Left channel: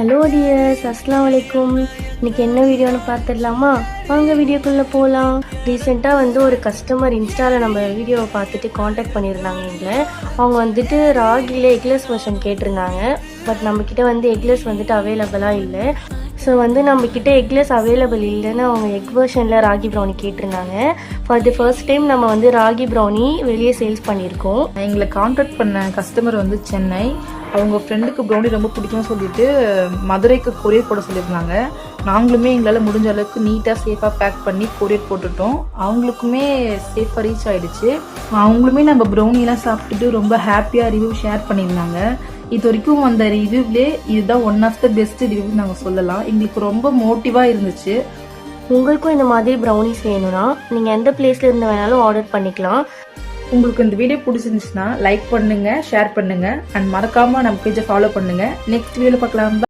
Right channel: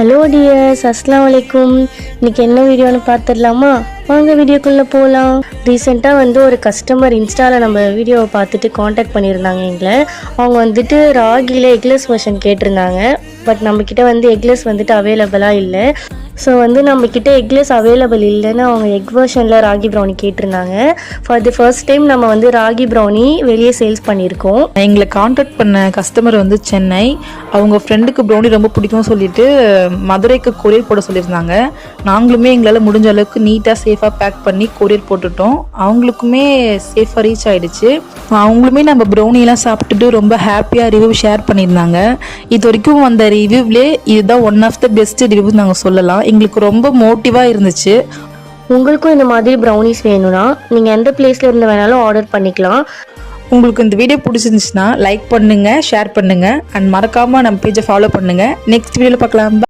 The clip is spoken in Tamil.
ஹலோ டியர்ஸ், அஸ்ஸலாமு அலைக்கும். இன்றைக்கி என்ன வீடியோன்னு பார்த்துடலாமா? வாங்க வீடியோக்குள்ளே போகலாம். ரீசெண்டாக ஒரு கஸ்டமர் இன்ஸ்டாவில் நம்ம வீடியோவை பார்த்துட்டு காண்டாக்ட் பண்ணியிருந்தாங்க எங்களை. அவங்க ராகியில் எக்லெஸ் வெர்ஷன் கேட்டிருந்தாங்க. பட் நம்மக்கிட்ட எக்லெஸ் அவைலபிளாக இல்லை. ஸோ நம்மக்கிட்ட எக்லெஸ் அவைலபிள் இல்லைன்னு அவங்க எக் வெர்ஷனில் ராகி ப்ரௌனி கேட்டிருந்தாங்க. ஃபார் தி ஃபர்ஸ்ட் டைம் நம்ம ராகி ப்ரௌனி வெளியே சேல்ஸ் பண்ணியிருக்கோம். எங்களை காண்டாக்ட் பண்ண கஸ்டமர் சென்னை. அவங்க ஃப்ரெண்டுக்கு ப்ரௌனி ரொம்ப பிடிக்கும்னு சொல்லிட்டு மதுரைக்கு கொரியர் போட சொல்லியிருந்தாங்க. நாங்களுமே எங்களால் முடிஞ்ச அளவுக்கு நீட்டாக சேஃபாக பேக் பண்ணி கொரியர் போட்டுட்டோம். அவங்களுக்குமே சேஃபாக ரீச் ஆகிடுச்சு. அவங்களுமே நம்ம ப்ரௌனிலாம் சாப்பிட்டுட்டு ரொம்ப ஹாப்பியாக ரிவ்யூ ஷேர் பண்ணியிருந்தாங்க. இது வரைக்கும் அந்த ரிவ்யூவிலே இதுதான் one of the best review நாங்கள் சொல்லலாம். எங்களுக்கு ரொம்ப மோட்டிவாக இருந்துச்சு. உங்களுக்கும் இந்த மாதிரி ப்ரௌனிஸ் வேணும்னா நீங்கள் எந்த பிளேஸில் இருந்து வேணாலும் ஆர்டர் பண்ணிக்கலாம். உங்களுக்கு இந்த வீடியோ பிடிச்சிருந்துச்சுன்னா லைக் பண்ணுங்கள், ஷேர் பண்ணுங்கள் அண்ட் மறக்காமல் நம்ம பேஜை ஃபாலோ பண்ணுங்கள். நெக்ஸ்ட் வீடியோவில் பார்க்கலாம்.